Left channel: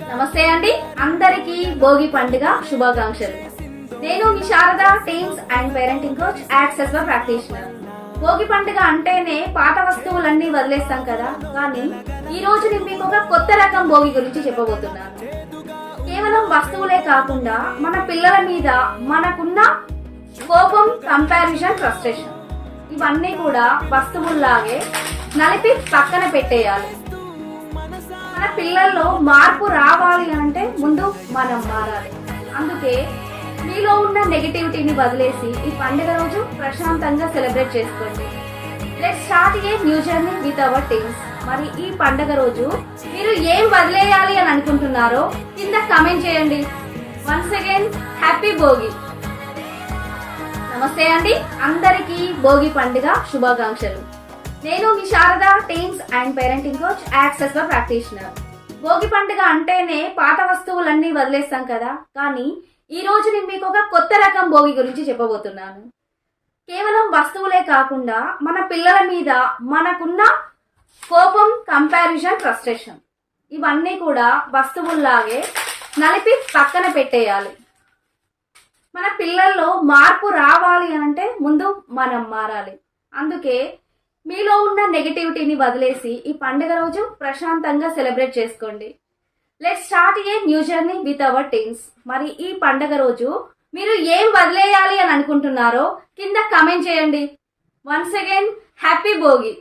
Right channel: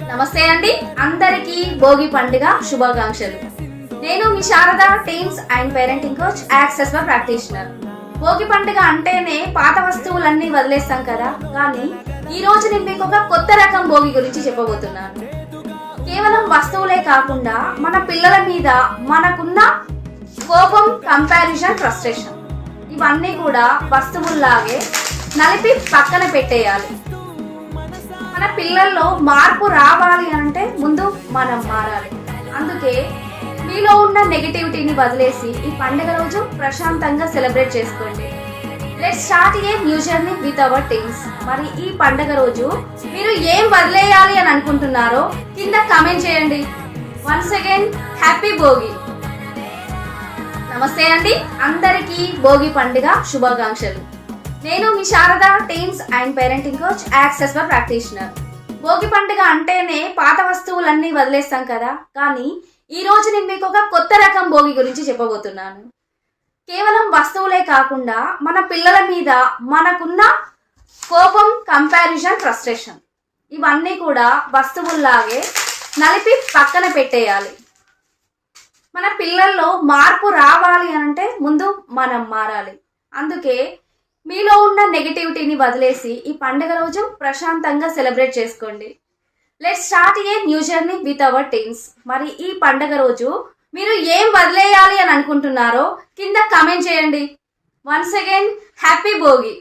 నమస్తే అండి, అందరికీ భోగి పండుగ శుభాకాంక్షలు. నేను మీ Sharada teams and parenting coach, access practitioner. Bhogi పండుగ అంటేనే పాత వస్తువులన్నీ వదిలేస్తాం కదా, కానీ ఈ రోజు నేను మీకు ఒక కొత్త రకం భోగి గురించి చెప్పబోతున్నాను. కేవలం వస్తువులే కాకుండా మన పిల్లల మీద మనకున్న కోపం, కంపారిజన్, ఫ్రస్ట్రేషన్ ఇవన్నీ కూడా వస్తువుల్లాగే నలిపి పక్కన పెట్టేయాలి. మన పిల్లల్లో మార్పు రావాలి అంటే ముందు మనం మారాలి. అందుకే మీలో ఉన్న నెగటివిటీని వదిలేసి ఈ పండుగ రోజు ప్రశాంతంగా సెలబ్రేట్ చేసుకోండి. Let's start a new journey with our teams. మరి ఈ పండుగ రోజు మీరు ఏం వదిలేయాలి అని అనుకుంటున్నారో కింద కామెంట్ చేయండి. Once again happy Bhogi. నమస్తే అండి, అందరికీ భోగి పండుగ శుభాకాంక్షలు. నేను మీ Sharada teams and parenting coach, access practitioner. Bhogi పండుగ అంటేనే పాత వస్తువులన్నీ వదిలేస్తాం కదా, కానీ ఈ రోజు నేను మీకు ఒక కొత్త రకం భోగి గురించి చెప్పబోతున్నాను. కేవలం వస్తువులే కాకుండా మన పిల్లల మీద మనకున్న కోపం, కంపారిజన్, ఫ్రస్ట్రేషన్ ఇవన్నీ కూడా వస్తువుల్లాగే నలిపి పక్కన పెట్టేయాలి. మన పిల్లల్లో మార్పు రావాలి అంటే ముందు మనం మారాలి. అందుకే మీలో ఉన్న నెగటివిటీని వదిలేసి ఈ పండుగ రోజు ప్రశాంతంగా సెలబ్రేట్ చేసుకోండి. Let's start a new journey with our teams. మరి ఈ పండుగ రోజు మీరు ఏం వదిలేయాలి అని అనుకుంటున్నారో కింద కామెంట్ చేయండి. Once again happy Bhogi.